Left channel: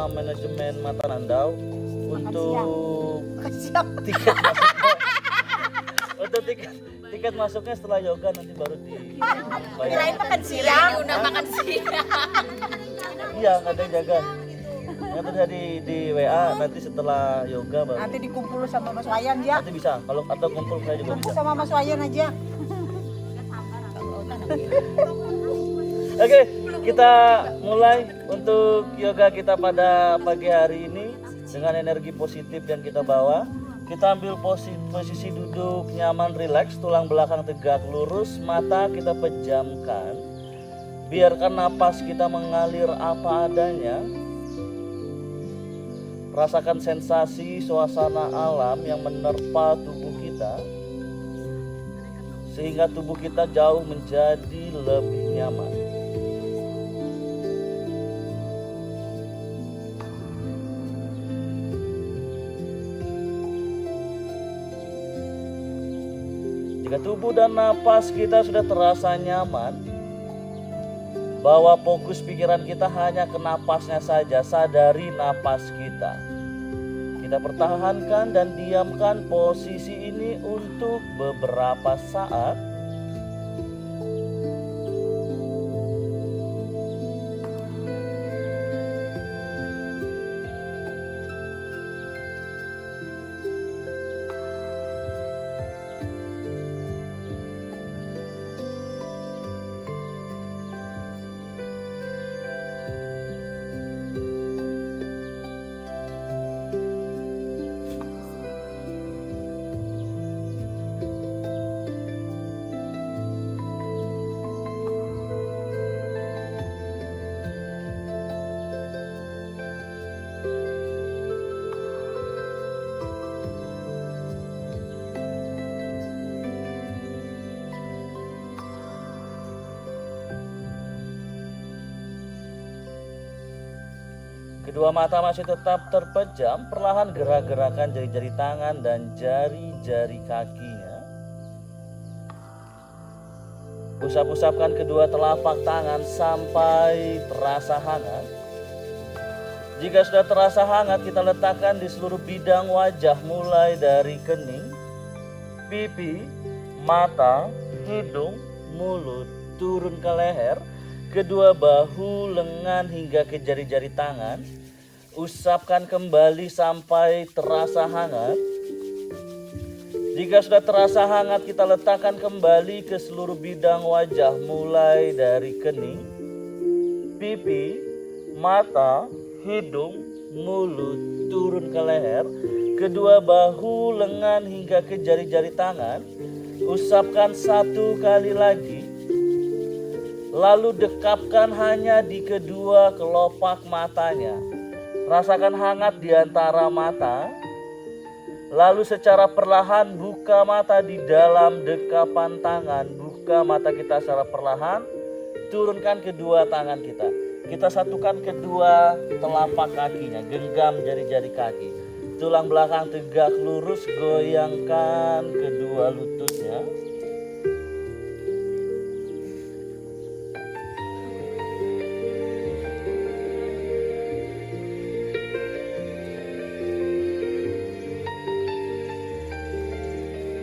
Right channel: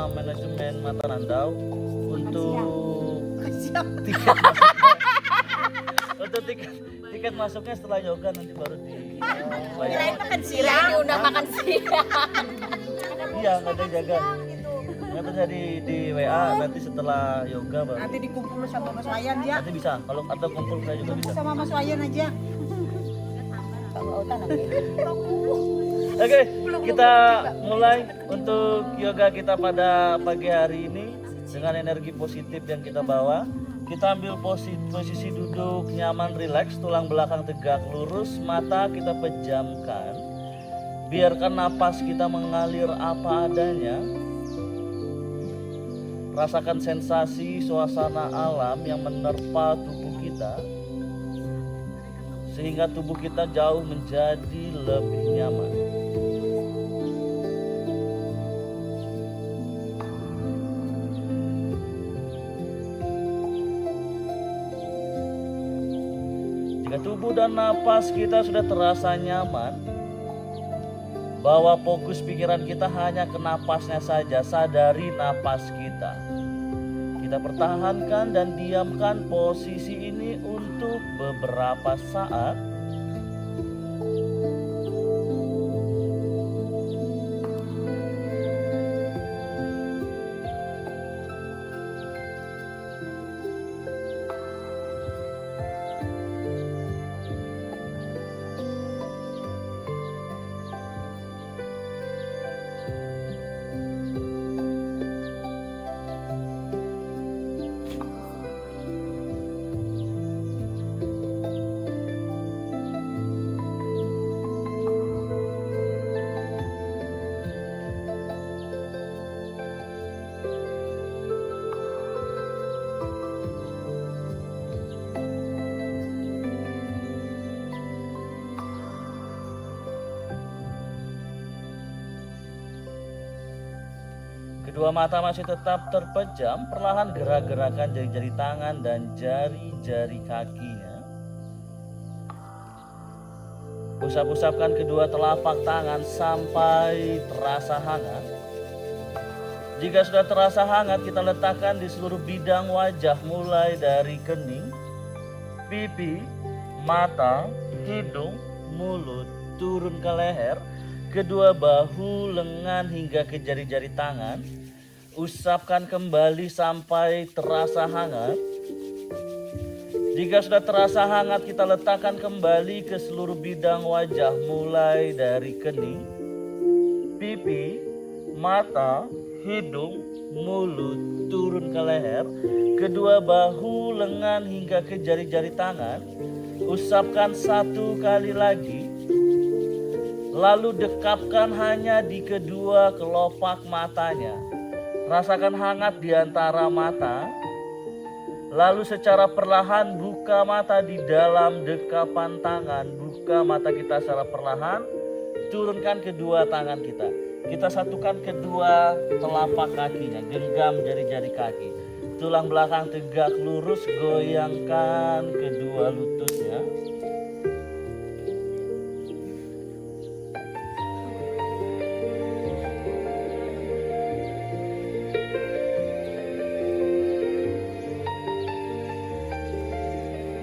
sama manajemen Mata Nandau untuk tiket untuk tiket masuknya setelah yoga nanti baru Kirain makan siang, udah makan siang. Iya, ada yang jaga. Nanti di WA nanti setelah yoga baru. Nanti dikumpul sama Mas Wayan ya. Nanti bisa, kalau atau kumpul saya juga Kumpul bisa. sama Mas Wayan aja. Oke, kita mulai untuk yoga kita pada pagi hari ini dengan energi positif yang kita bawa. Kita ambil posisi duduk nyaman, rileks, tulang belakang tegak lurus, mata kita pejamkan. Biarkan napas kita mengalir apa adanya. Rasakan sensasi suasana alam yang menerpa tubuh kita, sehingga tubuh kita jauh menjadi lebih nyaman. Jika tubuh dan napas kita sudah terasa nyaman, bawa fokus pikiran kita hanya ke napasnya saja, sadari napas kita. Kita pertahankan dan diamkan posisi ini untuk beberapa saat. Kedua mata masih tetap terpejam, perlahan gerak-gerakan jari-jari tangan dan jari-jari kakinya. Usap-usapkan kedua telapak tangan sampai terasa hangat. Jika sudah terasa hangat, kita letakkan di seluruh bidang wajah mulai dari kening, pipi, mata, hidung, mulut, turun ke leher, kedua bahu, lengan hingga ke jari-jari tangan. Usapkan kembali sampai terasa hangat. Jika sudah terasa hangat, kita letakkan kembali ke seluruh bidang wajah mulai dari kening, pipi, mata, hidung, mulut, turun ke leher, kedua bahu, lengan hingga ke jari-jari tangan. Usapkan satu kali lagi. Lalu dekapkan hanya di kedua kelopak matanya. Rasakan hangat di antara mata. Lalu secara perlahan buka mata di dalam dekapan tangan. Buka mata kita secara perlahan. Turunkan kedua tangan kita. Kita satukan kedua telapak kakinya. Genggam jari-jari kaki. Tulang belakang tegak lurus. Goyangkan kedua lututnya.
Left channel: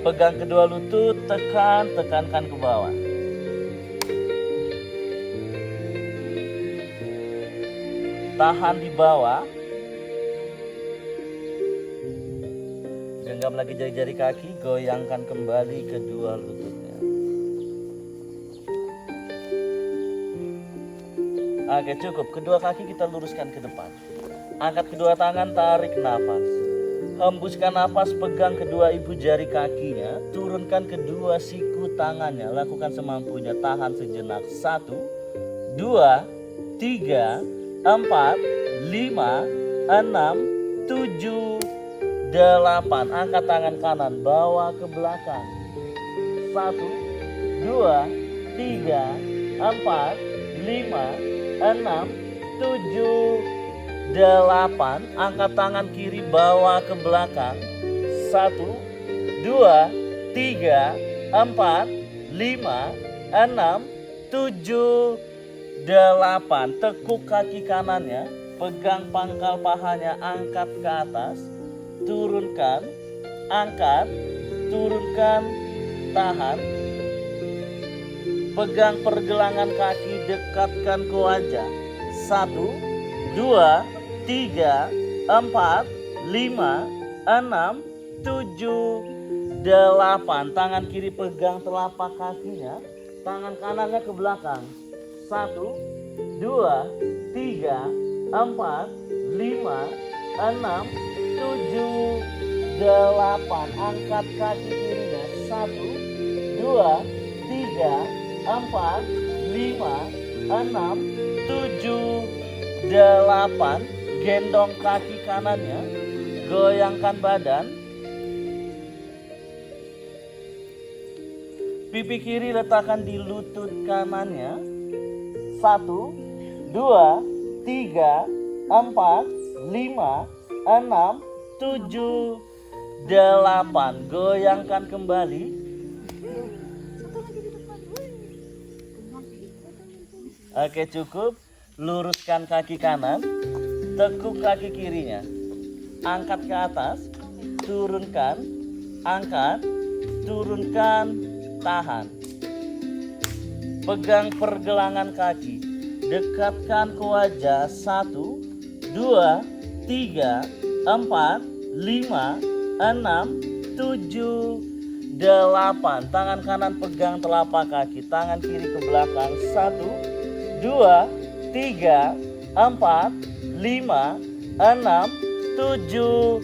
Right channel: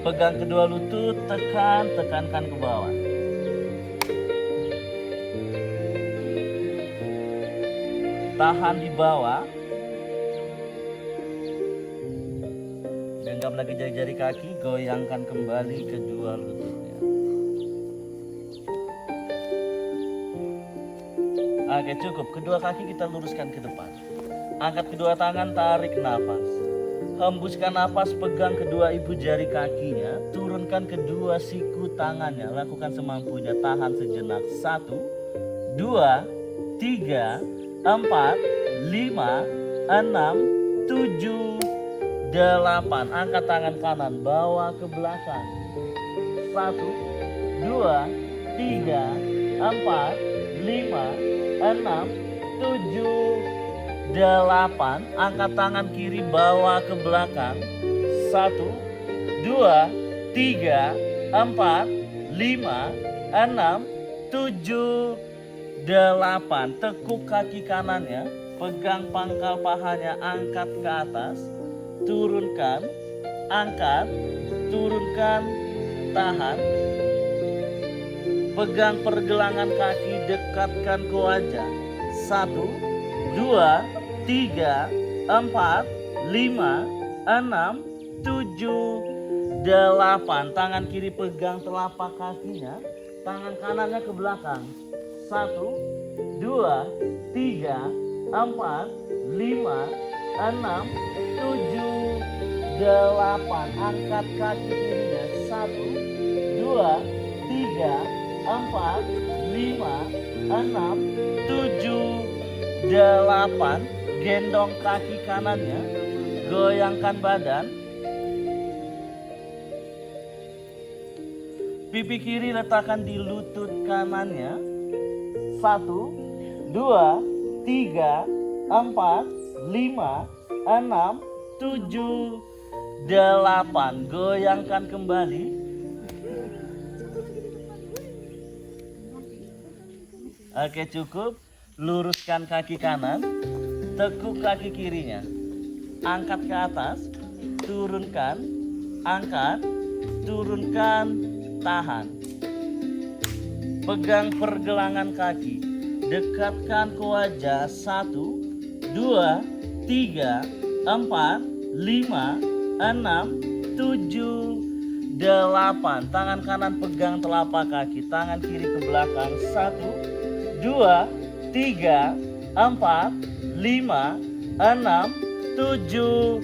Pegang kedua lutut, tekankan ke bawah. Tahan di bawah. Genggam lagi jari-jari kaki, goyangkan kembali kedua lututnya. Oke, cukup. Kedua kaki kita luruskan ke depan. Angkat kedua tangan, tarik nafas. Hembuskan nafas, pegang kedua ibu jari kakinya, turunkan kedua siku tangannya, lakukan semampunya, tahan sejenak. 1, 2, 3, 4, 5, 6, 7, 8. Angkat tangan kanan, bawa ke belakang. 1, 2, 3, 4, 5, 6, 7, 8. Angkat tangan kiri, bawa ke belakang. 1, 2, 3, 4, 5, 6, 7, 8. Tekuk kaki kanannya. pegang pangkal pahanya, angkat ke atas, turunkan, angkat, turunkan, tahan. Pegang pergelangan kaki, dekatkan ke wajah. 1, 2, 3, 4, 5, 6, 7, 8. Tangan kiri pegang telapak kakinya, tangan kanannya ke belakang. 1, 2, 3, 4, 5, 6, 7, 8. Angkat kaki kirinya. 1, 2, 3, 4, 5, 6, 7, 8. Gendong kaki kanannya, goyangkan badan. Pipi kiri letakkan di lutut kanannya. 1, 2, 3, 4, 5, 6, 7, 8. Goyangkan kembali. Oke, cukup. Luruskan kaki kanan, tekuk kaki kirinya. Angkat ke atas, turunkan, angkat, turunkan, tahan. Pegang pergelangan kaki, dekatkan ke wajah. 1, 2, 3, 4, 5, 6, 7, 8. Tangan kanan pegang telapak kaki, tangan kiri ke belakang. 1, 2, 3, 4, 5, 6, 7,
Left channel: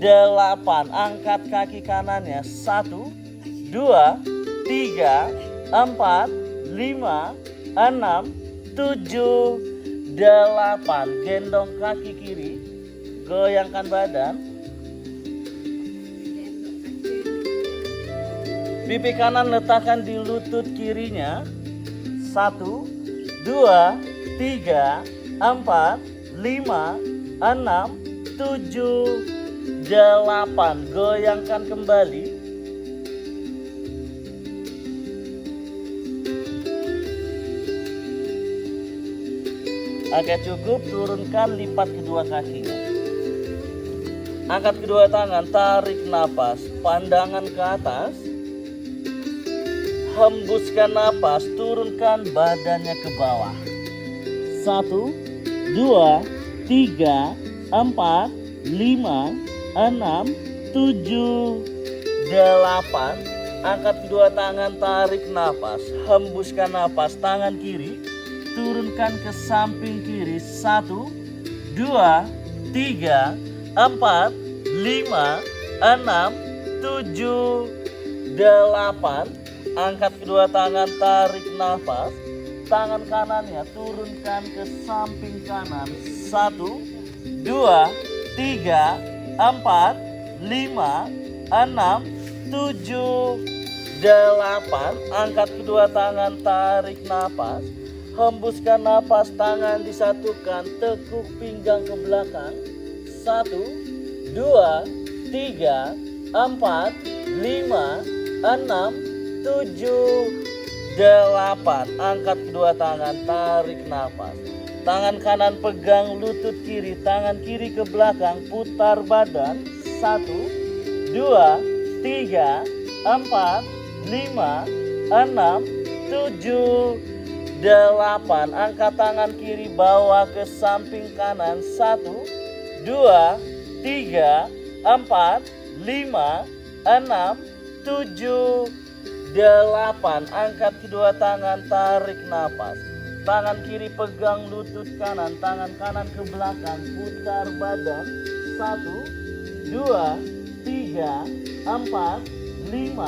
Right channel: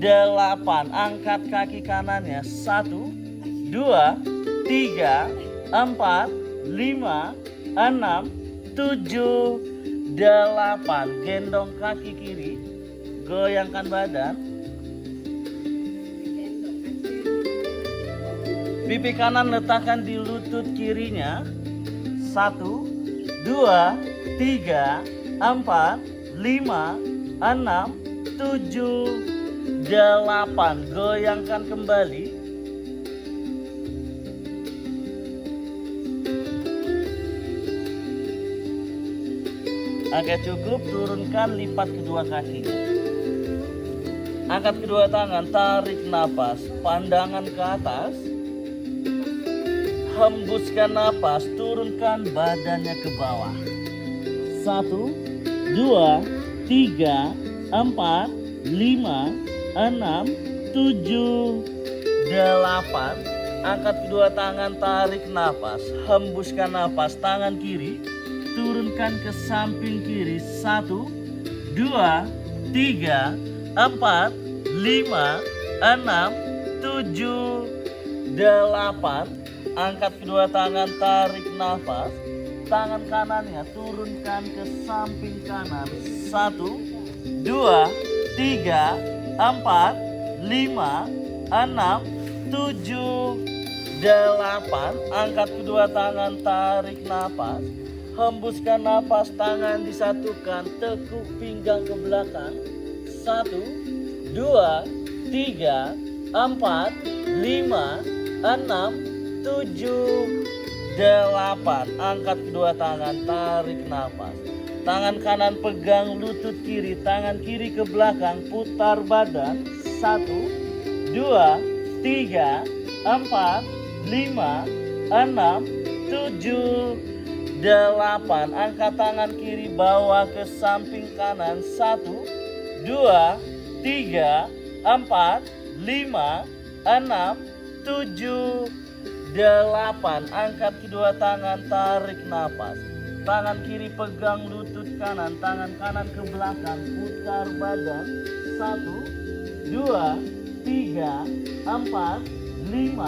8. Angkat kaki kanannya. 1, 2, 3, 4, 5, 6, 7, 8. Gendong kaki kiri, goyangkan badan. Pipi kanan letakkan di lutut kirinya. 1, 2, 3, 4, 5, 6, 7, 8. Goyangkan kembali. Oke, cukup. Turunkan, lipat kedua kaki. Angkat kedua tangan, tarik napas, pandangan ke atas. Hembuskan napas, turunkan badannya ke bawah. 1, 2, 3, 4, 5, 6, 7, 8. Angkat kedua tangan, tarik napas, hembuskan napas, tangan kiri, turunkan ke samping kiri. 1, 2, 3, 4, 5, 6, 7, 8. Angkat kedua tangan, tarik nafas. Tangan kanannya turunkan ke samping kanan. 1, 2, 3, 4, 5, 6, 7, 8. Angkat kedua tangan, tarik nafas. Hembuskan nafas, tangan disatukan, tekuk pinggang ke belakang. 1, 2, 3, 4, 5, 6, 7, 8. Angkat kedua tangan, tarik nafas. Tangan kanan pegang lutut kiri, tangan kiri ke belakang, putar badan. 1, 2, 3, 4, 5, 6, 7, 8. Angkat tangan kiri, bawa ke samping kanan. 1, 2, 3, 4, 5, 6, 7, 8. Angkat kedua tangan, tarik nafas. Tangan kiri pegang lutut kanan, tangan kanan ke belakang, putar badan. 1, 2, 3, 4, 5,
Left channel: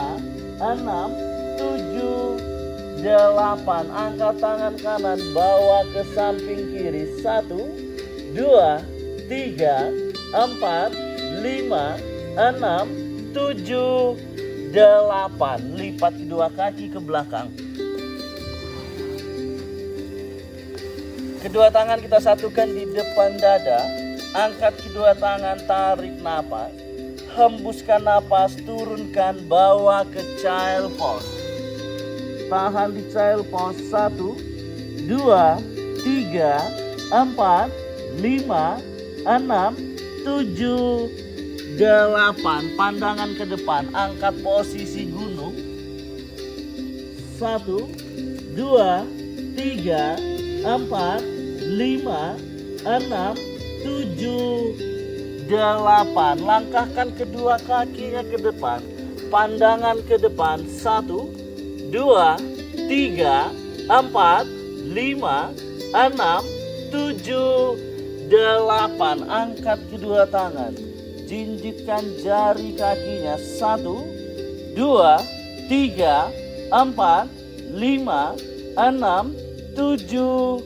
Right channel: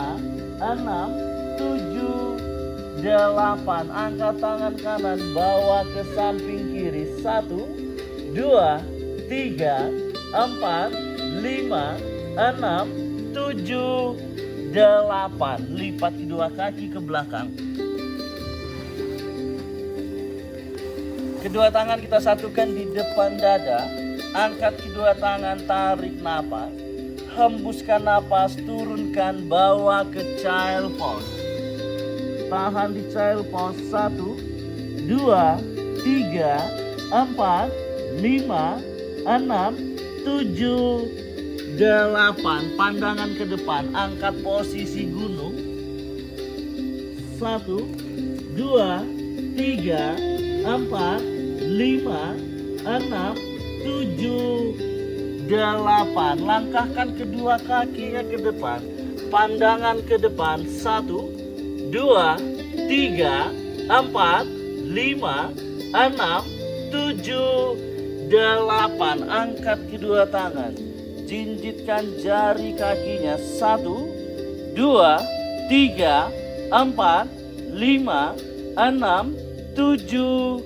6, 7, 8. Angkat tangan kanan, bawa ke samping kiri. 1, 2, 3, 4, 5, 6, 7, 8. Lipat kedua kaki ke belakang. Kedua tangan kita satukan di depan dada. Angkat kedua tangan, tarik napas. Hembuskan napas, turunkan, bawa ke child pose. Tahan di child pose. 1, 2, 3, 4, 5, 6, 7, 8. Pandangan ke depan, angkat posisi gunung. 1, 2, 3, 4, 5, 6, 7, 8. Langkahkan kedua kakinya ke depan. Pandangan ke depan. 1, 2, 3, 4, 5, 6, 7, 8. Angkat kedua tangan. Jinjitkan jari kakinya. 1, 2, 3, 4, 5, 6, 7,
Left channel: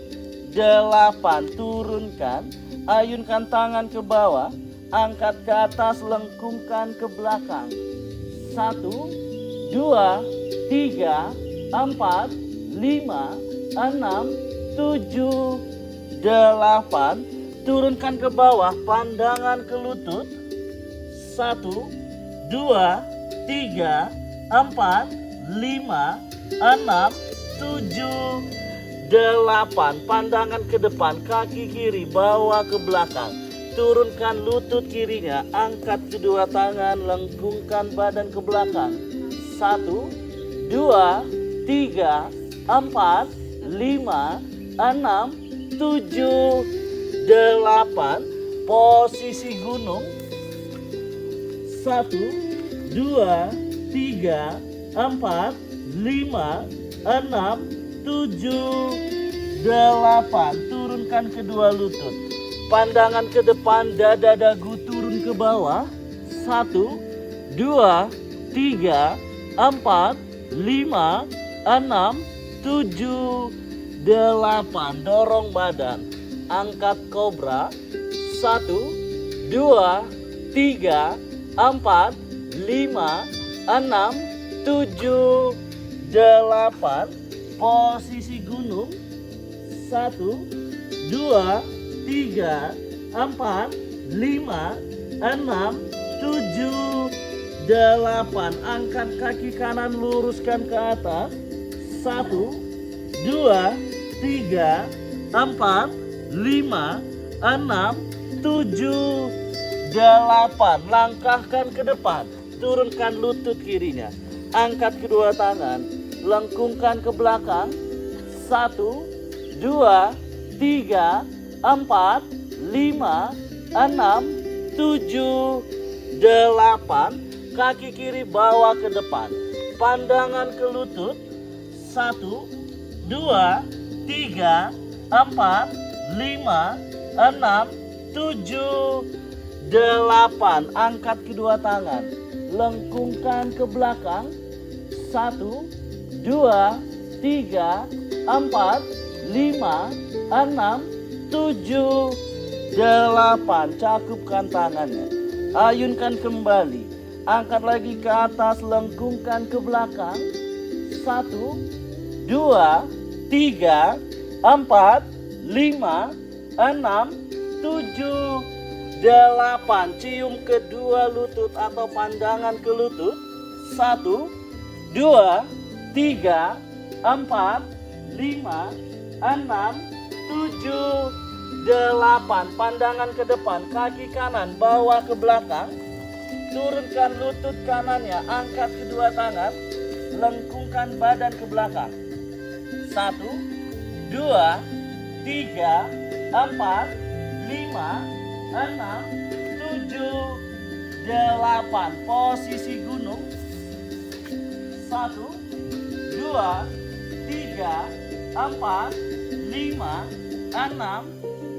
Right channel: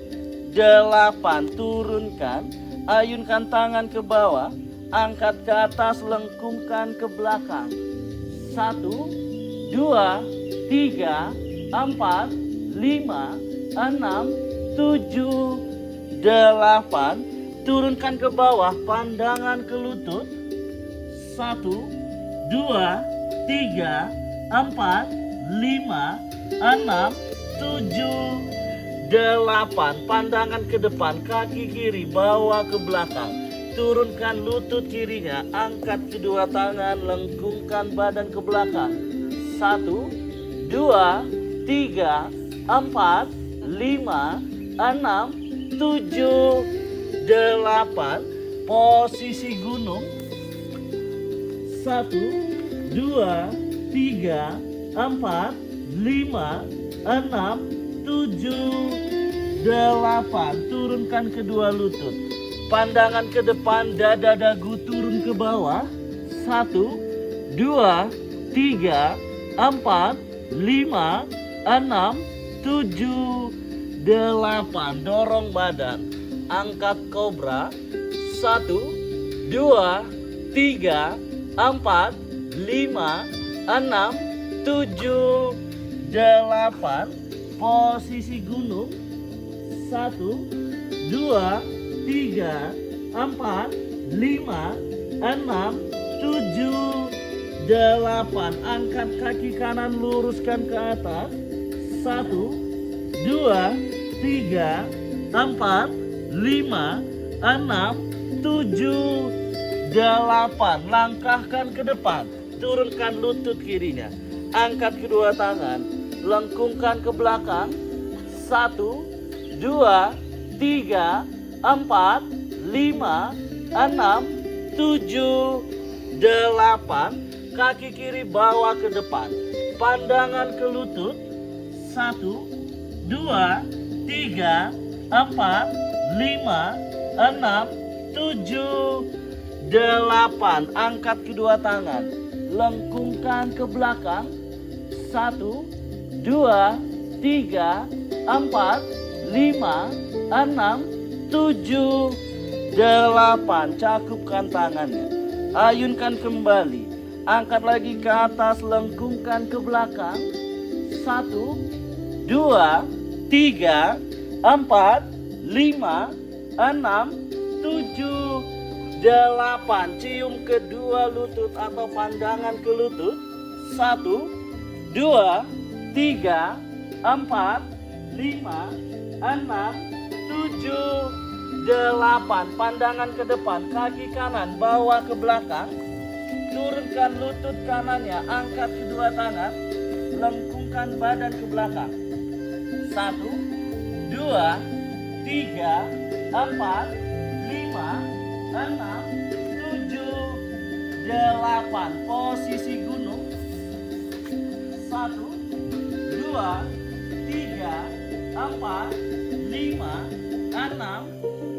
8. Turunkan. Ayunkan tangan ke bawah. Angkat ke atas, lengkungkan ke belakang. 1, 2, 3, 4, 5, 6, 7, 8. Turunkan ke bawah, pandangan ke lutut. 1, 2, 3, 4, 5, 6, 7, 8. Pandangan ke depan, kaki kiri bawa ke belakang. Turunkan lutut kirinya, angkat kedua tangan, lengkungkan badan ke belakang. 1, 2, 3, 4, 5, 6, 7, 8. Posisi gunung. 1, 2, 3, 4, 5, 6, 7, 8. Turunkan kedua lutut. Pandangan ke depan, dada dagu turun ke bawah. 1, 2, 3, 4, 5, 6, 7, 8. Dorong badan. Angkat kobra. 1, 2, 3, 4, 5, 6, 7, 8. Posisi gunung. 1, 2, 3, 4, 5, 6, 7, 8. Angkat kaki kanan, luruskan ke atas. 1, 2, 3, 4, 5, 6, 7, 8. Langkahkan ke depan. Turunkan lutut kirinya. Angkat kedua tangan. Lengkungkan ke belakang. 1, 2, 3, 4, 5, 6, 7, 8. Kaki kiri bawa ke depan. Pandangan ke lutut. 1, 2, 3, 4, 5, 6, 7, 8. Angkat kedua tangan. Lengkungkan ke belakang. 1, 2, 3, 4, 5, 6, 7, 8. Cakupkan tangannya. Ayunkan kembali. Angkat lagi ke atas, lengkungkan ke belakang. 1, 2, 3, 4, 5, 6, 7, 8. Cium kedua lutut atau pandangan ke lutut. 1, 2, 3, 4, 5, 6, 7, 8. Pandangan ke depan, kaki kanan bawa ke belakang. Turunkan lutut kanannya, angkat kedua tangan, lengkungkan badan ke belakang. 1, 2, 3, 4, 5, 6, 7, 8. Posisi gunung. 1, 2, 3, 4, 5, 6,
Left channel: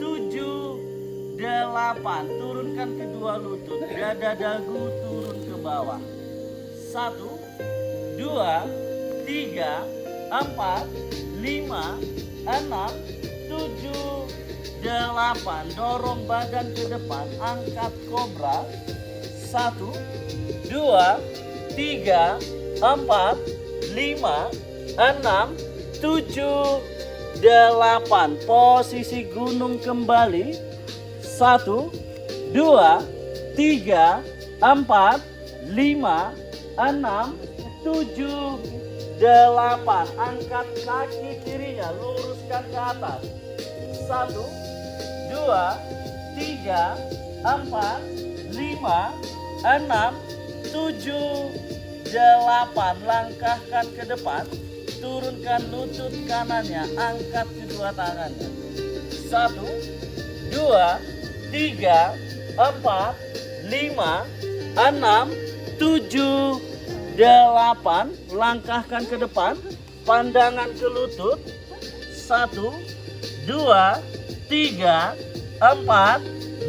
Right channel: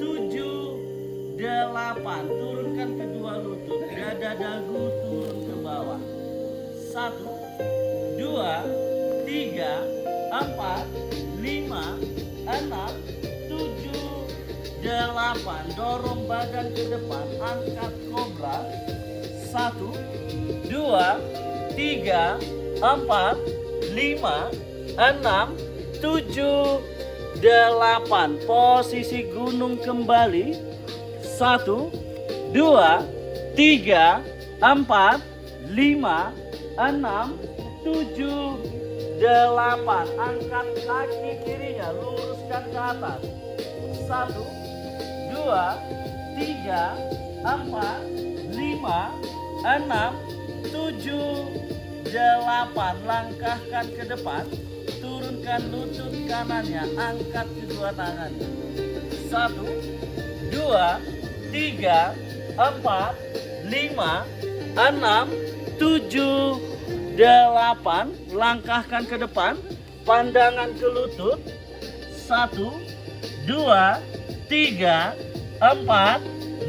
7, 8. Turunkan kedua lutut. Dada dagu turun ke bawah. 1, 2, 3, 4, 5, 6, 7, 8. Dorong badan ke depan. Angkat kobra. 1, 2, 3, 4, 5, 6, 7, 8. Posisi gunung kembali. 1, 2, 3, 4, 5, 6, 7, 8. Angkat kaki kirinya, luruskan ke atas. 1, 2, 3, 4, 5, 6, 7, 8. Langkahkan ke depan, turunkan lutut kanannya, angkat kedua tangannya. 1, 2, 3, 4, 5, 6, 7, 8. Langkahkan ke depan, pandangan ke lutut. 1, 2, 3, 4,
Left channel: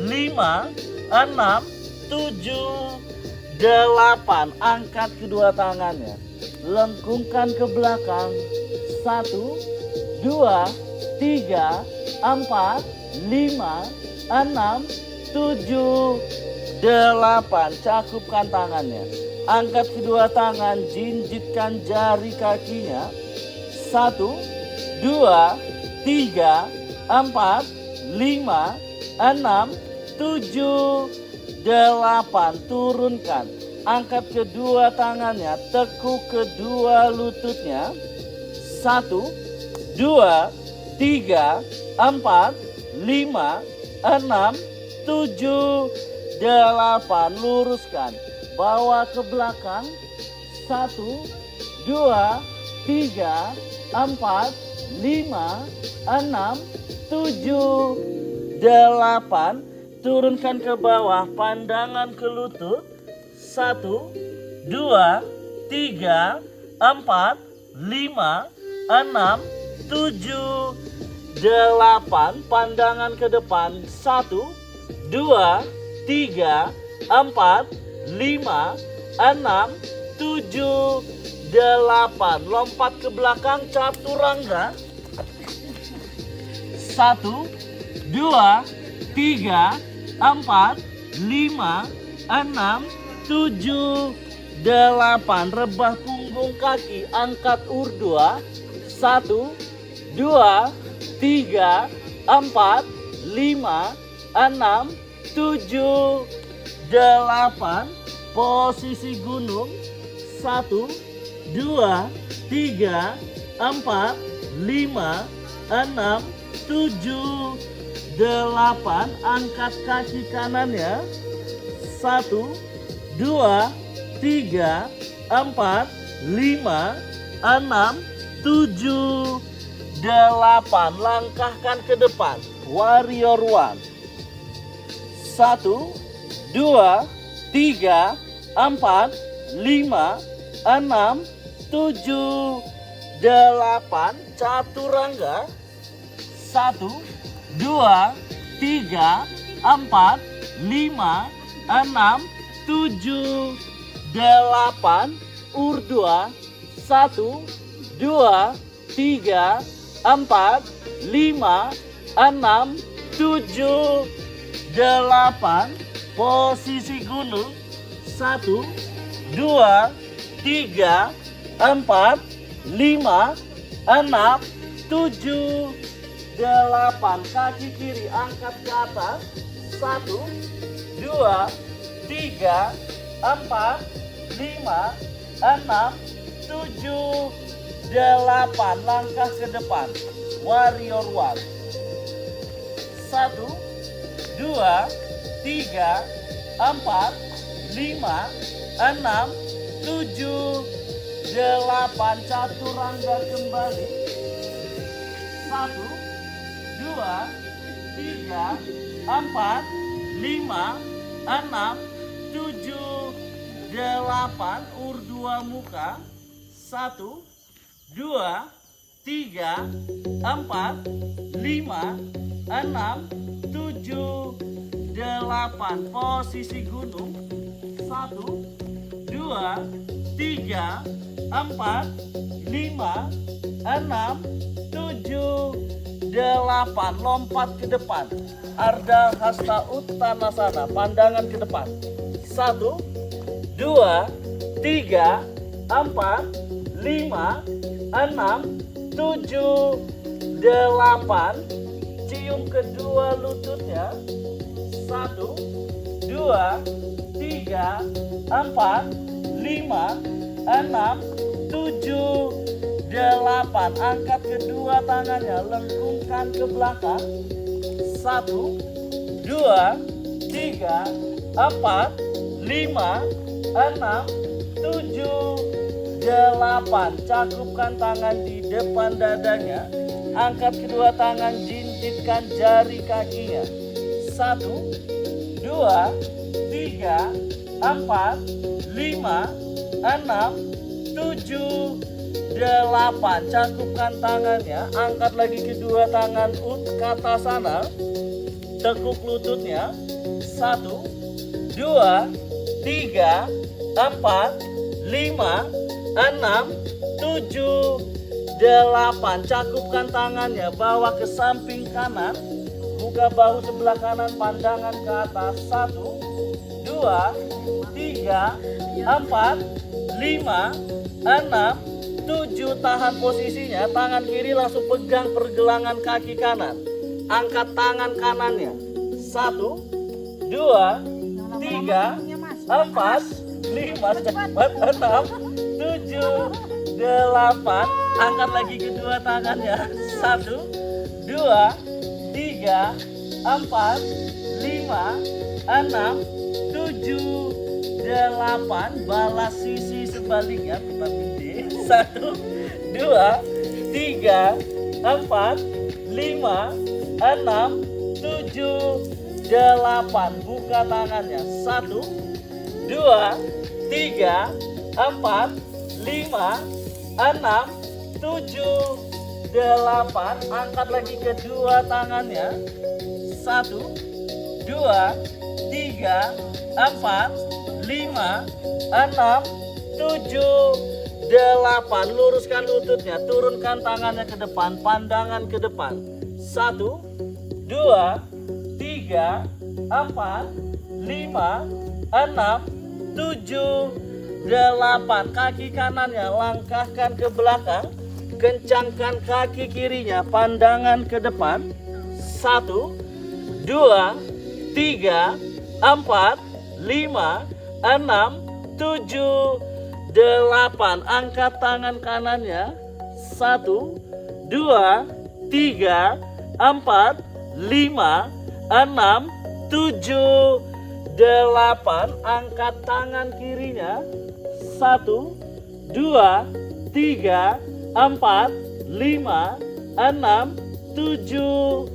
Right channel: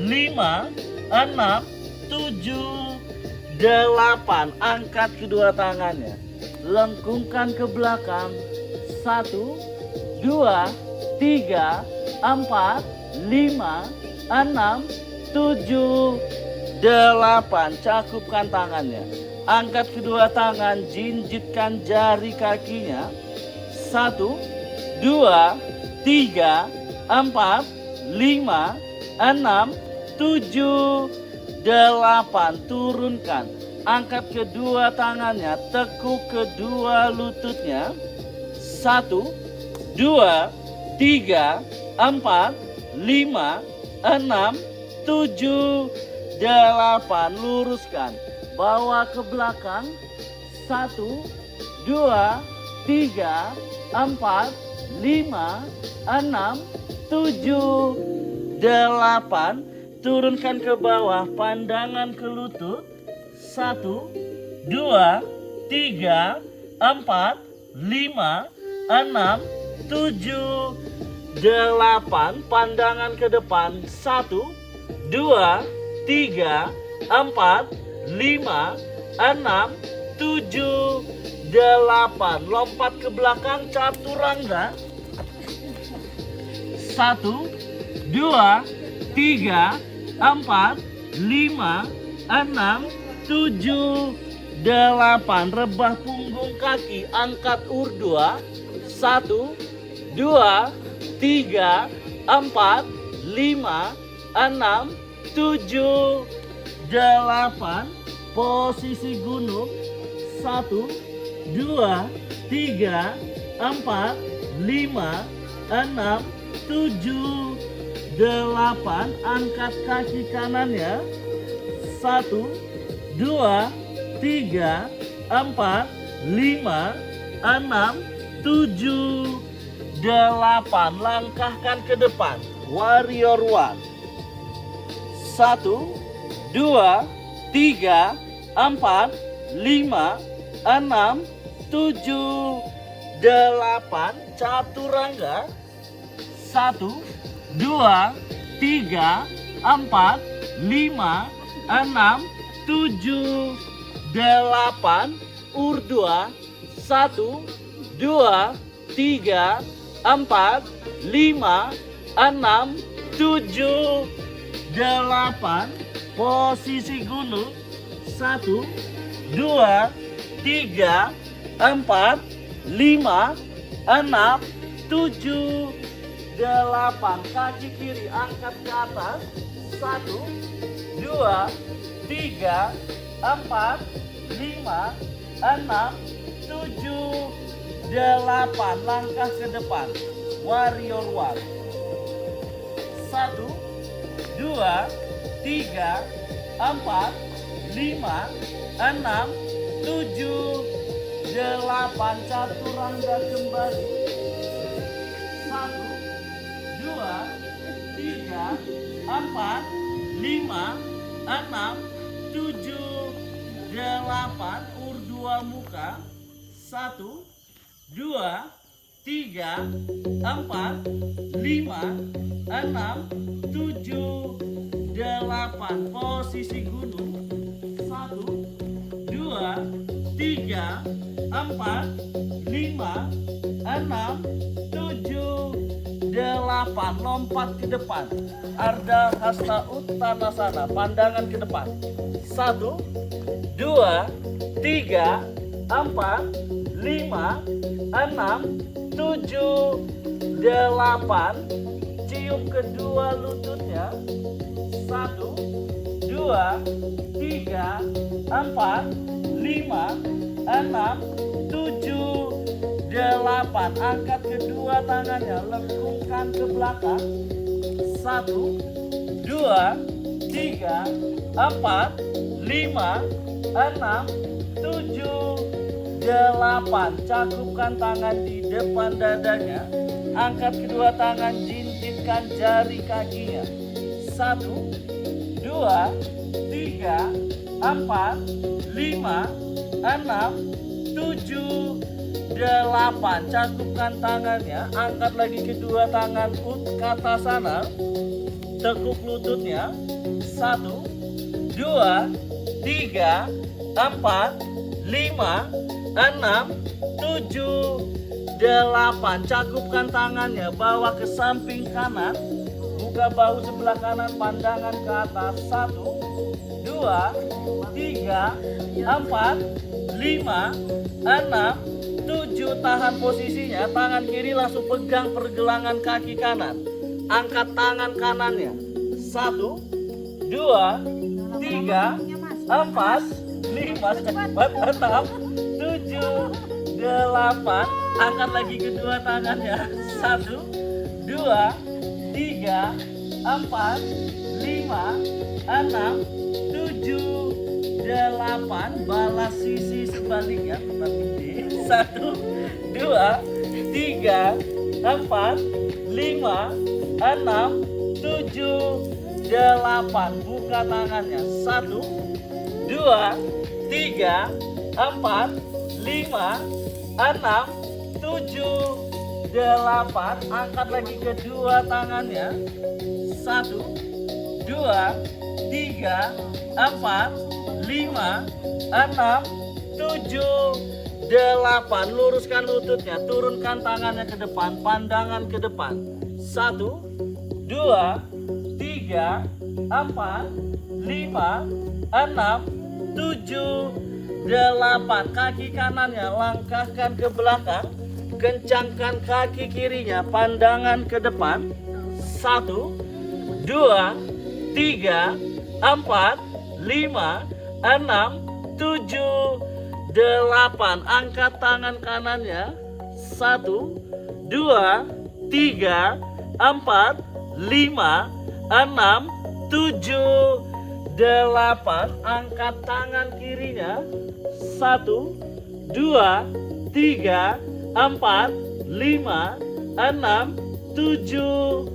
5, 6, 7, 8. Angkat kedua tangannya, lengkungkan ke belakang. 1, 2, 3, 4, 5, 6, 7, 8. Cakupkan tangannya, angkat kedua tangan, jinjitkan jari kakinya. 1, 2, 3, 4, 5, 6, 7, 8. Turunkan, angkat kedua tangannya, tekuk kedua lututnya. 1, 2, 3, 4, 5, 6, 7, 8. Luruskan, bawa ke belakang. 1, 2, 3, 4, 5, 6, 7, 8. Turunkan ke bawah, pandangan ke lutut. 1, 2, 3, 4, 5, 6, 7, 8. Pandangan ke depan. 1, 2, 3, 4, 5, 6, 7, 8. Lompat ke belakang, chaturangga. 1, 2, 3, 4, 5, 6, 7, 8. Rebah punggung kaki, angkat urdhva. 1, 2, 3, 4, 5, 6, 7, 8. Posisi gunung. 1, 2, 3, 4, 5, 6, 7, 8. Angkat kaki kanannya. 1, 2, 3, 4, 5, 6, 7, 8. Langkahkan ke depan, warrior one. 1, 2, 3, 4, 5, 6, 7, 8. Chaturangga. 1, 2, 3, 4, 5, 6, 7, 8. Urdhva. 1, 2, 3, 4, 5, 6, 7, 8. Posisi gunung. 1, 2, 3, 4, 5, 6, 7, 8. Kaki kiri angkat ke atas. 1, 2, 3, 4, 5, 6, 7, 8. Langkah ke depan, warrior one. 1, 2, 3, 4, 5, 6, 7, 8. Chaturangga kembali. 1, 2, 3, 4, 5, 6, 7, 8. Urdhva muka. 1, 2, 3, 4, 5, 6, 7, 8. Posisi gunung. 1, 2, 3, 4, 5, 6, 7, 8. Lompat ke depan, Ardha Hasta Uttanasana. Pandangan ke depan. 1, 2, 3, 4, 5, 6, 7, 8. Cium kedua lututnya. 1, 2, 3, 4, 5, 6, 7, 8. Angkat kedua tangannya, lengkungkan ke belakang. 1, 3, 4, 5, 6, 7, 8. Cakupkan tangan di depan dadanya. Angkat kedua tangan, jintikkan jari kakinya. 1, 2, 3, 4, 5, 6, 7, 8. Cakupkan tangannya. Angkat lagi kedua tangan ke atas sana. Tekuk lututnya. 1, 2, 3, 4, 5, 6, 7, 8. Cakupkan tangannya. Bawa ke samping kanan. Buka bahu sebelah kanan, pandangan ke atas. 1, 2, 3, 4, 5, 6, 7. Tahan posisinya. Tangan kiri langsung pegang pergelangan kaki kanan. Angkat tangan kanannya. 1, 2, 3, 4, 5, 6, 7, 8. Angkat lagi kedua tangannya. 1, 2, 3, 4, 5, 6, 7, 8. Balas sisi sebaliknya. 1, 2, 3, 4, 5, 6, 7, 8. Buka tangannya. 1, 2, 3, 4, 5, 6, 7, 8. Angkat lagi kedua tangannya. 1, 2, 3, 4, 5, 6, 7, 8. Luruskan lututnya. Turunkan tangannya ke depan. Pandangan ke depan. 1, 2, 3, 4, 5, 6, 7, 8. Kaki kanannya langkahkan ke belakang. Kencangkan kaki kirinya. Pandangan ke depan. 1, 2, 3, 4, 5, 6, 7, 8. Angkat tangan kanannya. 1, 2, 3, 4, 5, 6, 7, 8. Angkat tangan kirinya. 1, 2, 3, 4, 5, 6, 7,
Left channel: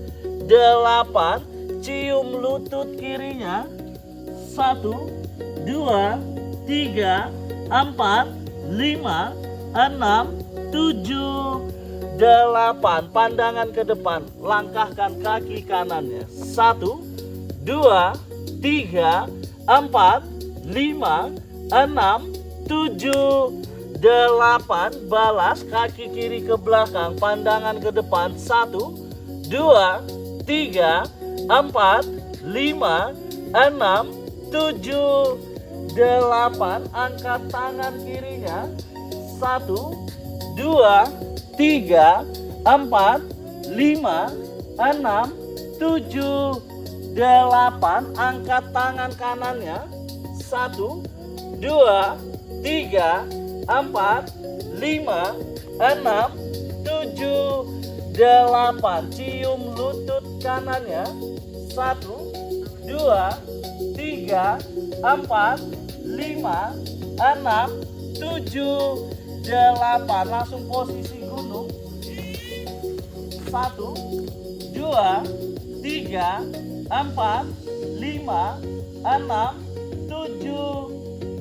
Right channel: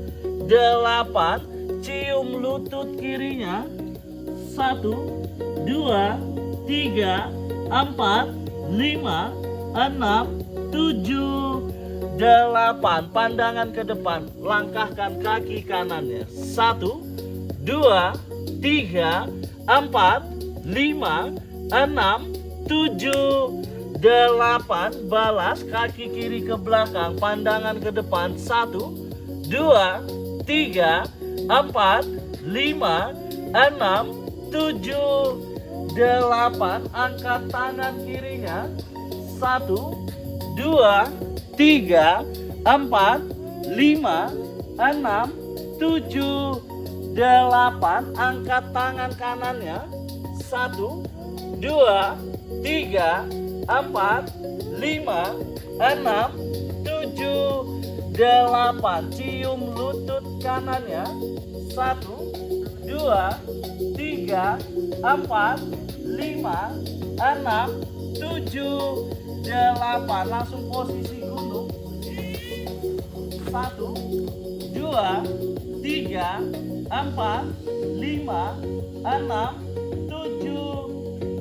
8. Cium lutut kirinya. 1, 2, 3, 4, 5, 6, 7, 8. Pandangan ke depan. Langkahkan kaki kanannya. 1, 2, 3, 4, 5, 6, 7, 8. Balas kaki kiri ke belakang. Pandangan ke depan. 1, 2, 3, 4, 5, 6, 7, 8. Angkat tangan kirinya. 1, 2, 3, 4, 5, 6, 7, 8. Angkat tangan kanannya. 1, 2, 3, 4, 5, 6, 7, 8. Cium lutut kanannya. 1, 2, 3, 4, 5, 6, 7, 8. Langsung posisi dulu. 1, 2, 3, 4, 5, 6, 7,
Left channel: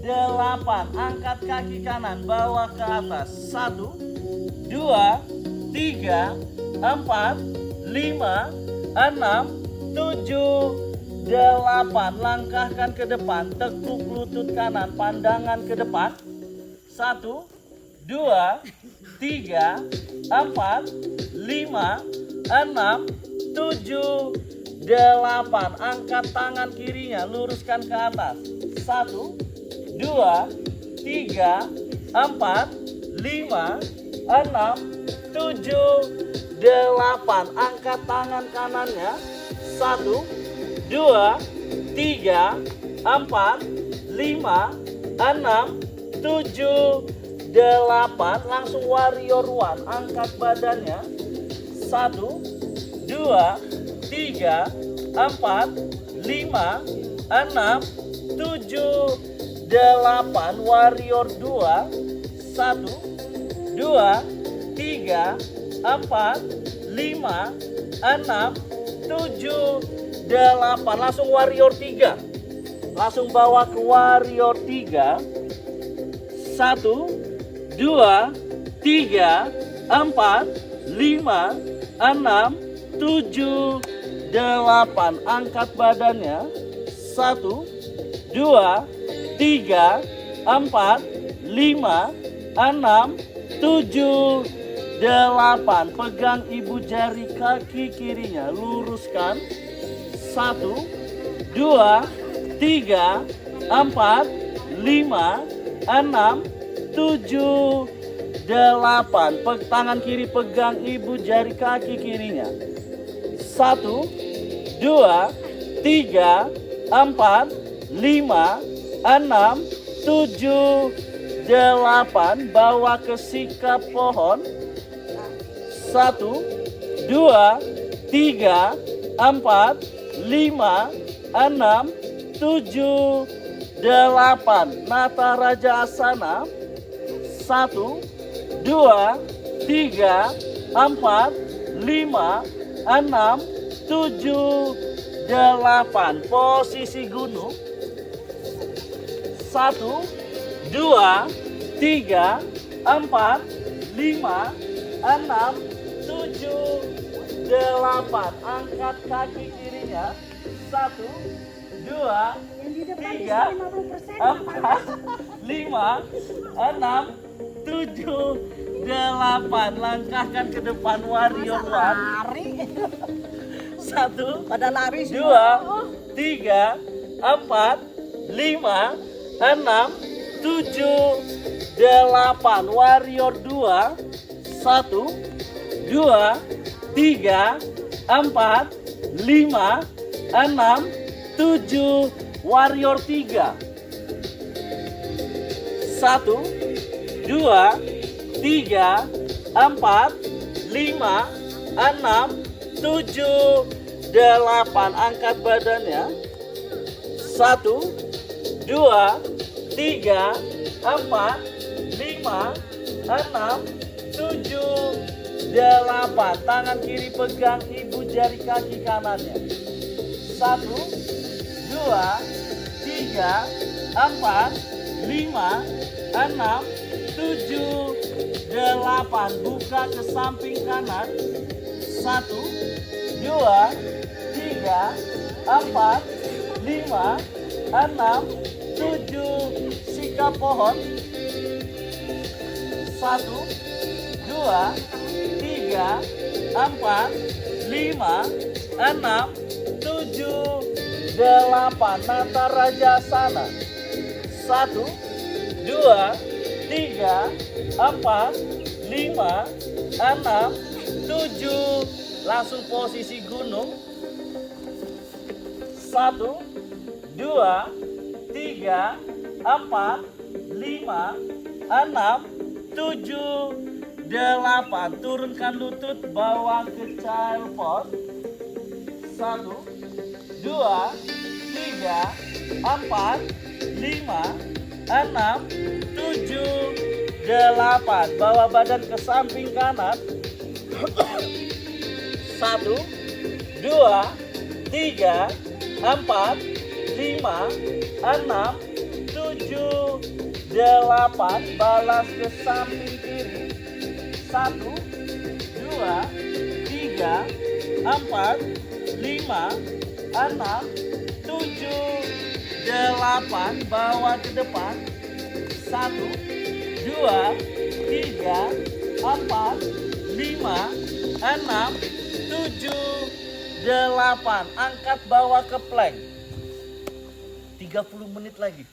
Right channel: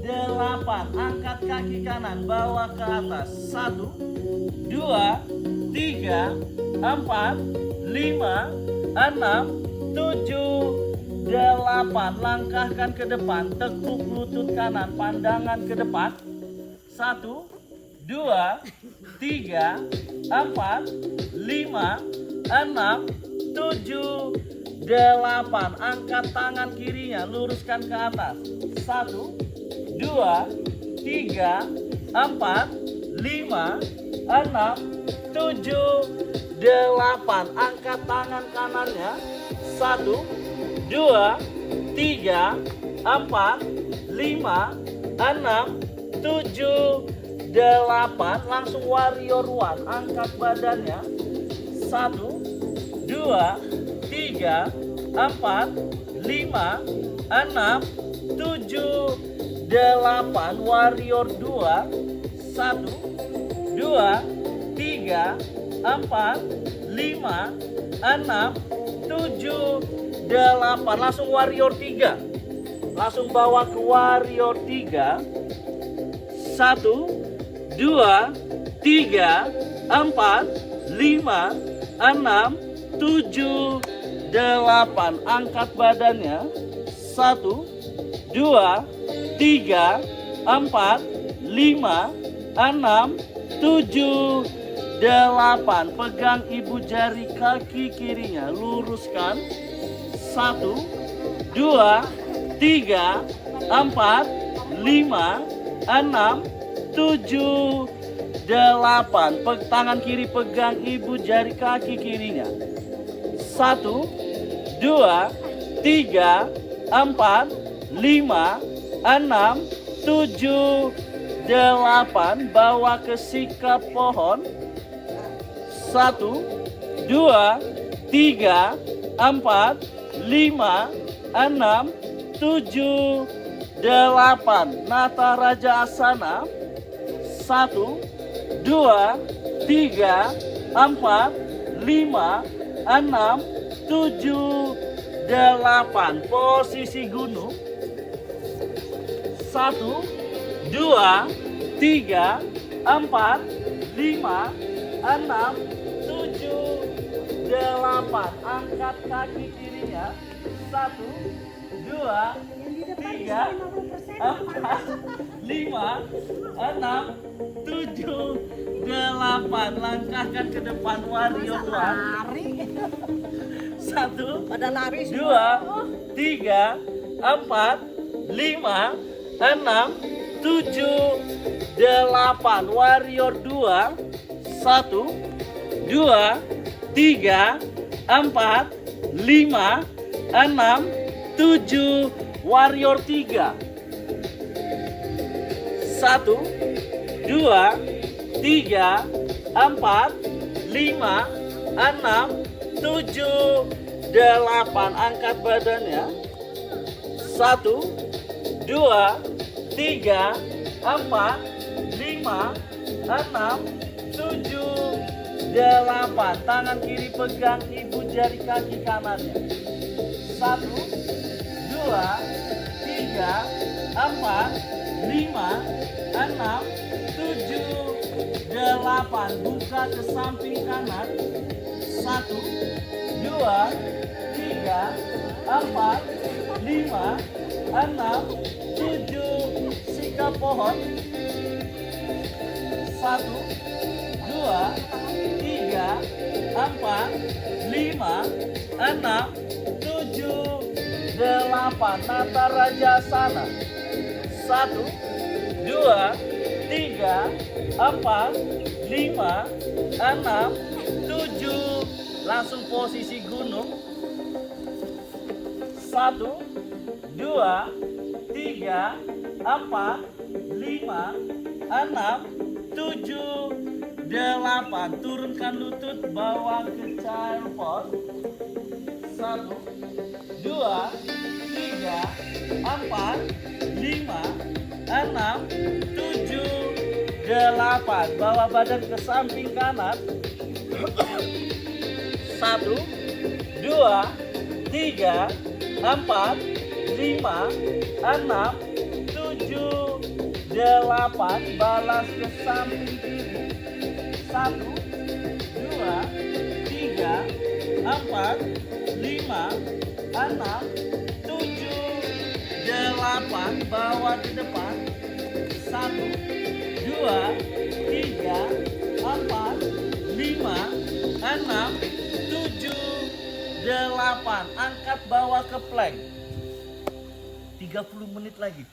8. Angkat kaki kanan, bawa ke atas. 1, 2, 3, 4, 5, 6, 7, 8. Langkahkan ke depan. Tekuk lutut kanan. Pandangan ke depan. 1, 2, 3, 4, 5, 6, 7, 8. Angkat tangan kirinya. Luruskan ke atas. 1, 2, 3, 4, 5, 6, 7, 8. Angkat tangan kanannya. 1, 2, 3, 4, 5, 6, 7, 8. Langsung warrior one. Angkat badannya. 1, 2, 3, 4, 5, 7, 8, warrior 2, 1, 2, 3, 4, 5, 6, 7, 8. Langsung warrior 3. Langsung bawa ke warrior 3. 1, 2, 3, 4, 5, 6, 7, 8. Angkat badannya. 1, 2, 3, 4, 5, 6, 7, 8. Pegang ibu jari kaki kirinya, luruskan. 1, 2, 3, 4, 5, 6, 7, 8. Tangan kiri pegang ibu jari kaki kirinya. 1, 2, 3, 4, 5, 6, 7, 8. Bawa ke sikap pohon. 1, 2, 3, 4, 5, 6, 7, 8. Nata Raja Asana. 1, 2, 3, 4, 5, 6, 7, 8. Posisi gunung. 1, 2, 3, 4, 5, 6, 7, 8. Angkat kaki kirinya. 1, 2, 3, 4, 5, 6, 7, 8. Langkahkan ke depan warrior 1. 1, Pada lari 2, 3, 4, 5, 6, 7, 8. Warrior 2. 1, 2, 3, 4, 5, 6, 7. Warrior 3. 1, 2, 3, 4, 5, 6, 7, 8. Angkat badannya. 1, 2, 3, 4, 5, 6, 7, 8. Tangan kiri pegang ibu jari kaki kanannya. 1, 2, 3, 4, 5, 6, 7, 8. Buka ke samping kanan. 1, 2, 3, 4, 5, 6, 7. Sikap pohon. 1, 2, 3, 4, 5, 6, 7, 8. Nata Raja Asana. 1, 2, 3, 4, 5, 6, 7. Langsung posisi gunung. 1, 2, 3, 4, 5, 6, 7, 8. Turunkan lutut, bawa ke child pose. 1, 2, 3, 4, 5, 6, 7, 8. Bawa badan ke samping kanan. 1, 2, 3, 4, 5, 6, 7, 8. Balas ke samping kiri. 1, 2, 3, 4, 5, 6, 7, 8. Bawa ke depan. 1, 2, 3, 4, 5, 6, 7, 8. Angkat bawa ke plank. 30 menit lagi.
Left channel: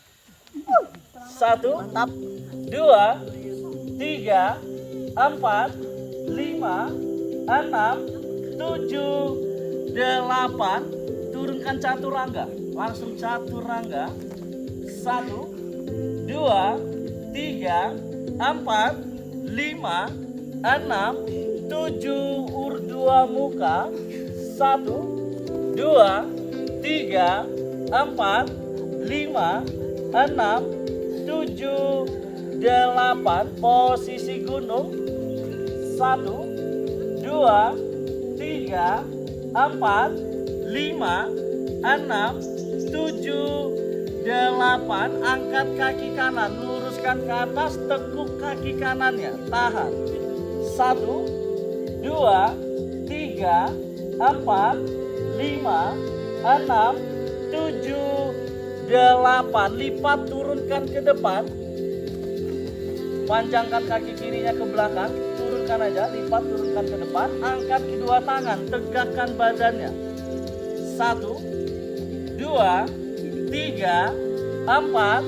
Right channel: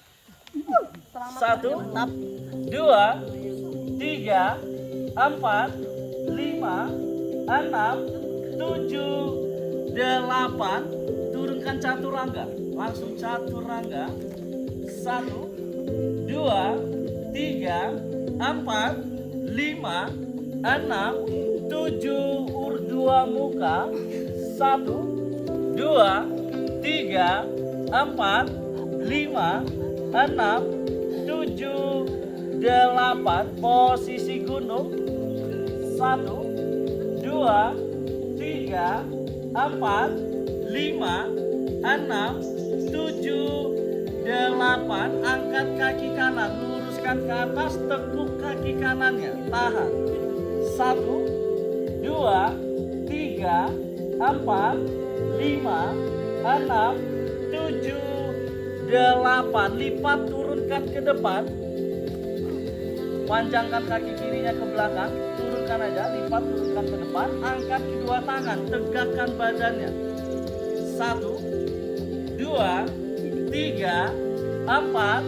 1, 2, 3, 4, 5, 6, 7, 8. Turunkan chaturanga. Langsung chaturanga. 1, 2, 3, 4, 5, 6, 7. Urdhva muka. 1, 2, 3, 4, 5, 6, 7, 8. Posisi gunung. 1, 2, 3, 4, 5, 6, 7, 8. Angkat kaki kanan, luruskan ke atas, tekuk kaki kanannya, tahan. 1, 2, 3, 4, 5, 6, 7, 8. Lipat, turunkan ke depan. Panjangkan kaki kirinya ke belakang, turunkan aja, lipat, turunkan ke depan. Angkat kedua tangan, tegakkan badannya. 1, 2, 3, 4,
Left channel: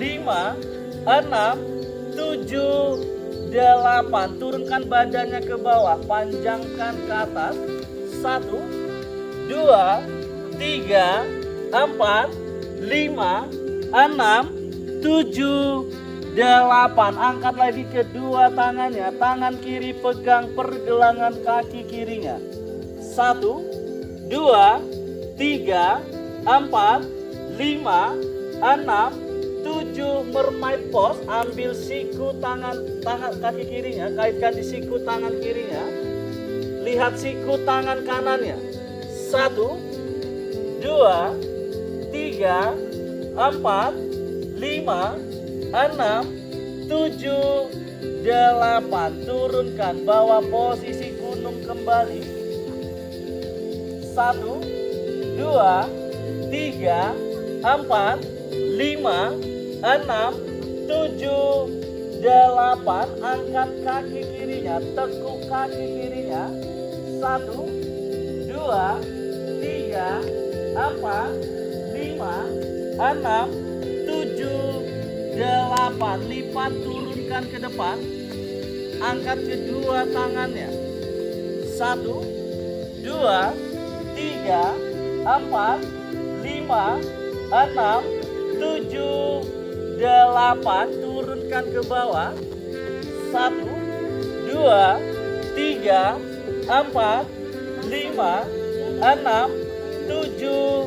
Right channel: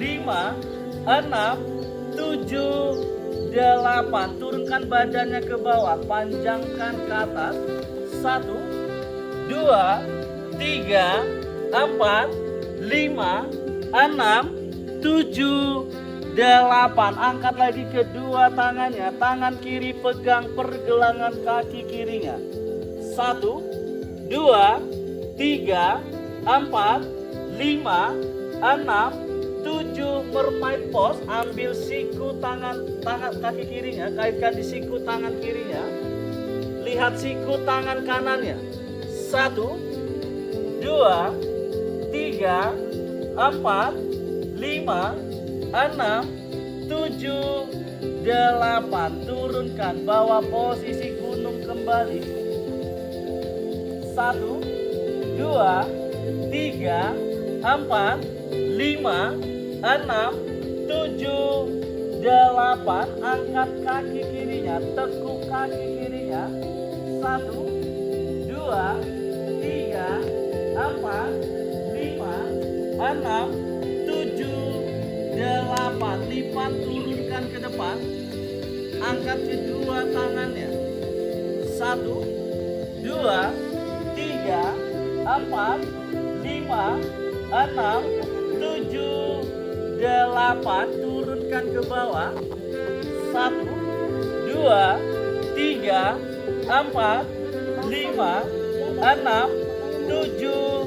5, 6, 7, 8. Turunkan badannya ke bawah, panjangkan ke atas. 1, 2, 3, 4, 5, 6, 7, 8. Angkat lagi kedua tangannya. Tangan kiri pegang pergelangan kaki kirinya. 1, 2, 3, 4, 5, 6, 7. Mermaid pose. Ambil siku tangan kaki kirinya, kaitkan di siku tangan kirinya. Lihat siku tangan kanannya. 1, 2, 3, 4, 5, 6, 7, 8. Turunkan, bawa posisi gunung kembali. 1, 2, 3, 4, 5, 6, 7, 8. Angkat kaki kirinya, tekuk kaki kirinya. 1, 2, 3, 4, 5, 6, 7, 8. Lipat, turunkan ke depan. Angkat kedua tangannya. 1, 2, 3, 4, 5, 6, 7, 8. Turunkan ke bawah. 1, 2, 3, 4, 5, 6, 7,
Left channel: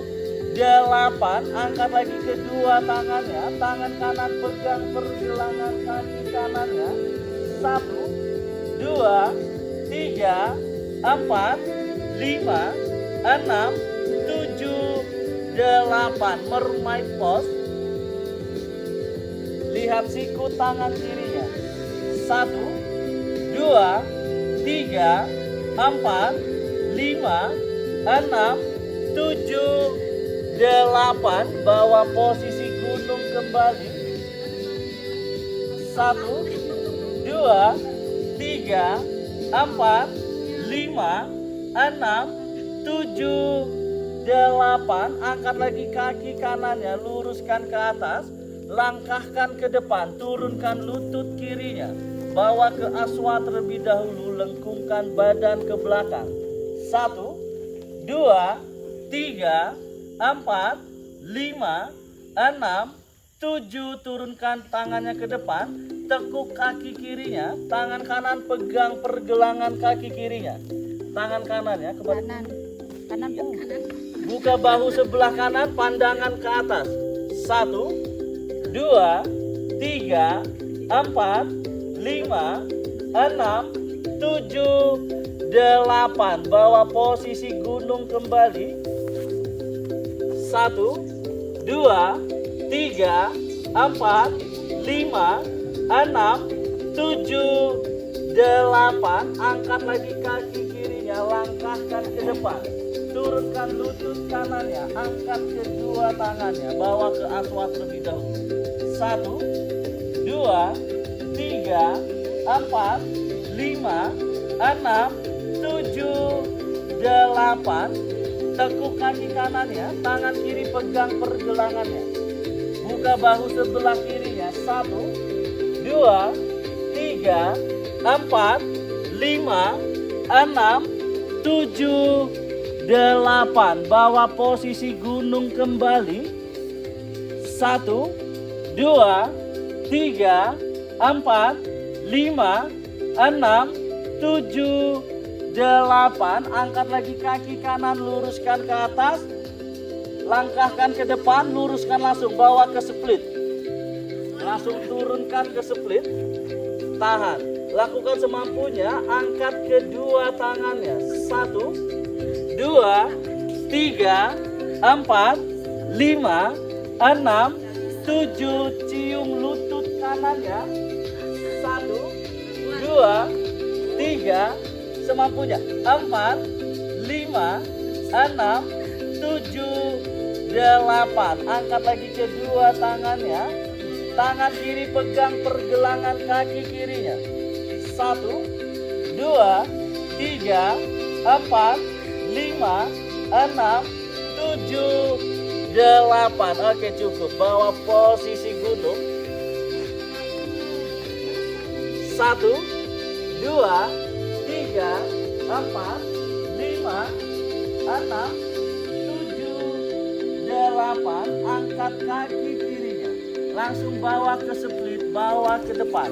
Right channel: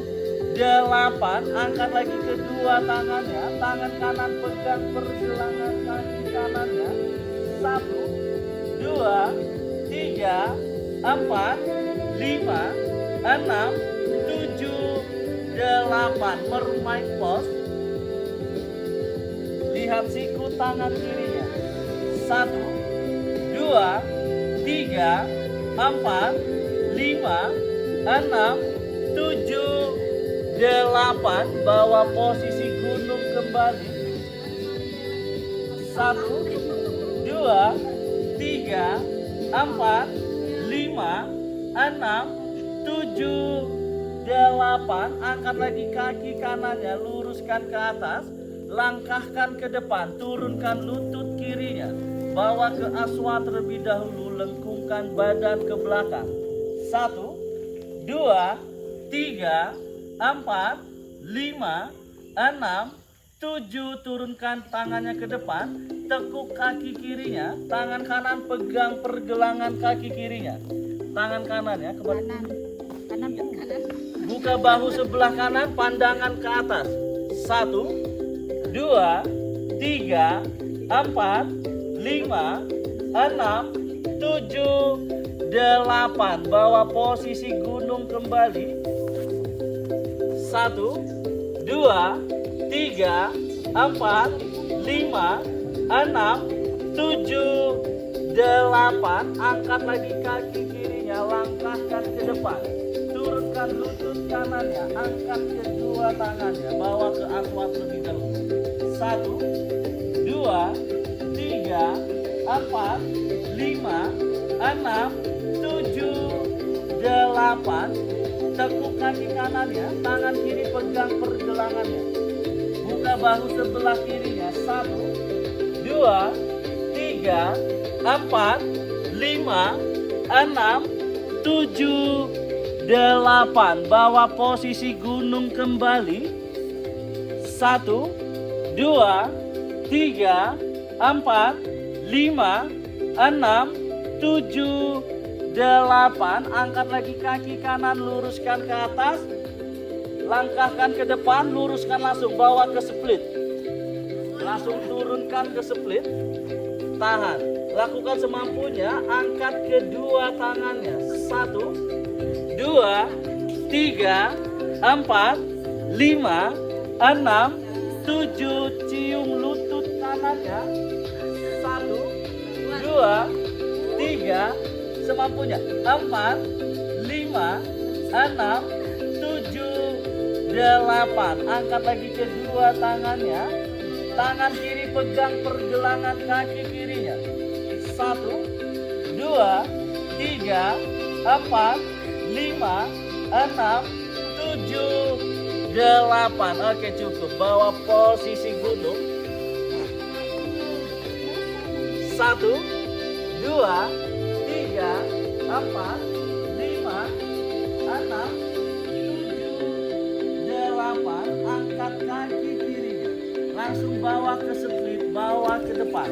8. Angkat lagi kedua tangannya. Tangan kanan pegang pergelangan kaki kanannya. 1, 2, 3, 4, 5, 6, 7, 8. Mermaid pose. Lihat siku tangan kirinya. 1, 2, 3, 4, 5, 6, 7, 8. Bawa posisi gunung kembali. 1, 2, 3, 4, 5, 6, 7, 8. Angkat lagi kaki kanannya, luruskan ke atas. Langkahkan ke depan, turunkan lutut kirinya. Bawa ke aswa terlebih dahulu, lengkungkan badan ke belakang. 1, 2, 3, 4, 5, 6, 7. Turunkan tangannya ke depan, tekuk kaki kirinya. Tangan kanan pegang pergelangan kaki kirinya. Tangan kanannya ke kanan. Buka bahu sebelah kanan, pandangan ke atas. 1, 2, 3, 4, 5, 6, 7, 8. Bawa posisi gunung kembali. 1, 2, 3, 4, 5, 6, 7, 8. Angkat lagi kaki kirinya, langkahkan ke depan. Turunkan lutut kanannya, angkat kedua tangannya, bawa ke aswa terlebih dahulu. 1, 2, 3, 4, 5, 6, 7, 8. Tekuk kaki kanannya, tangan kiri pegang pergelangannya. Buka bahu sebelah kirinya. 1, 2, 3, 4, 5, 6, 7, 8. Bawa posisi gunung kembali. 1, 2, 3, 4, 5, 6, 7, 8. Angkat lagi kaki kanan, luruskan ke atas. Langkahkan ke depan, luruskan langsung, bawa ke split. Langsung turunkan ke split. Tahan. Lakukan semampunya, angkat kedua tangannya. 1, 2, 3, 4, 5, 6, 7. Cium lutut kanannya. 1, 2, 3, semampunya. 4, 5, 6, 7, 8. Angkat lagi kedua tangannya. Tangan kiri pegang pergelangan kaki kirinya. 1, 2, 3, 4, 5, 6, 7, 8. Oke, cukup. Bawa posisi gunung. 1, 2, 3, 4, 5, 6, 7, 8. Angkat kaki kirinya. Langsung bawa ke split, bawa ke depan.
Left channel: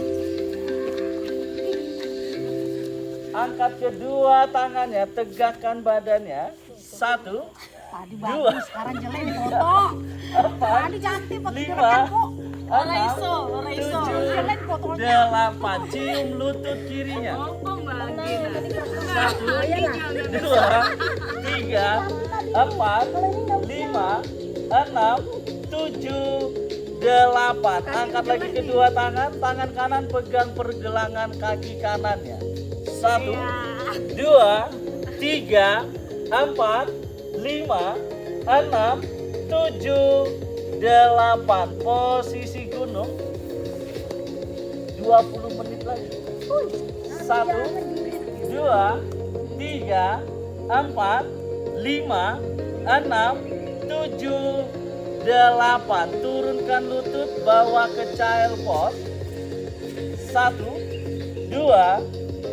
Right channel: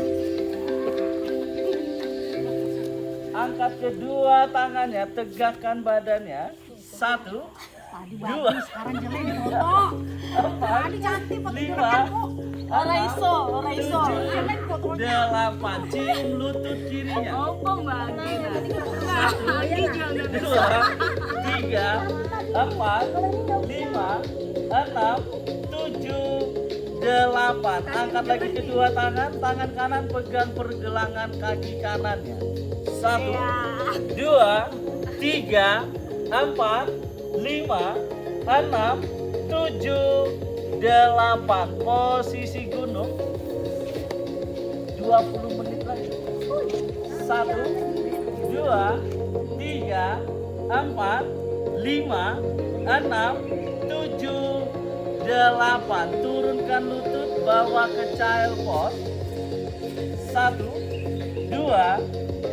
Angkat kedua tangannya, tegakkan badannya. 1, 2, 5, Ora iso, ora iso. 8. Cium lutut kirinya. Opo Mbak Gina? Nah, ini jangan 2, 3, 4, 5, 6, 7, 8. Angkat lagi kedua tangan. Tangan kanan pegang pergelangan kaki kanannya. 1, 2, 3, 4, 5, 6, 7, 8. Posisi gunung. 20 menit lagi. 1, 2, 3, 4, 5, 6, 7, 8. Turunkan lutut, bawa ke child pose. 1,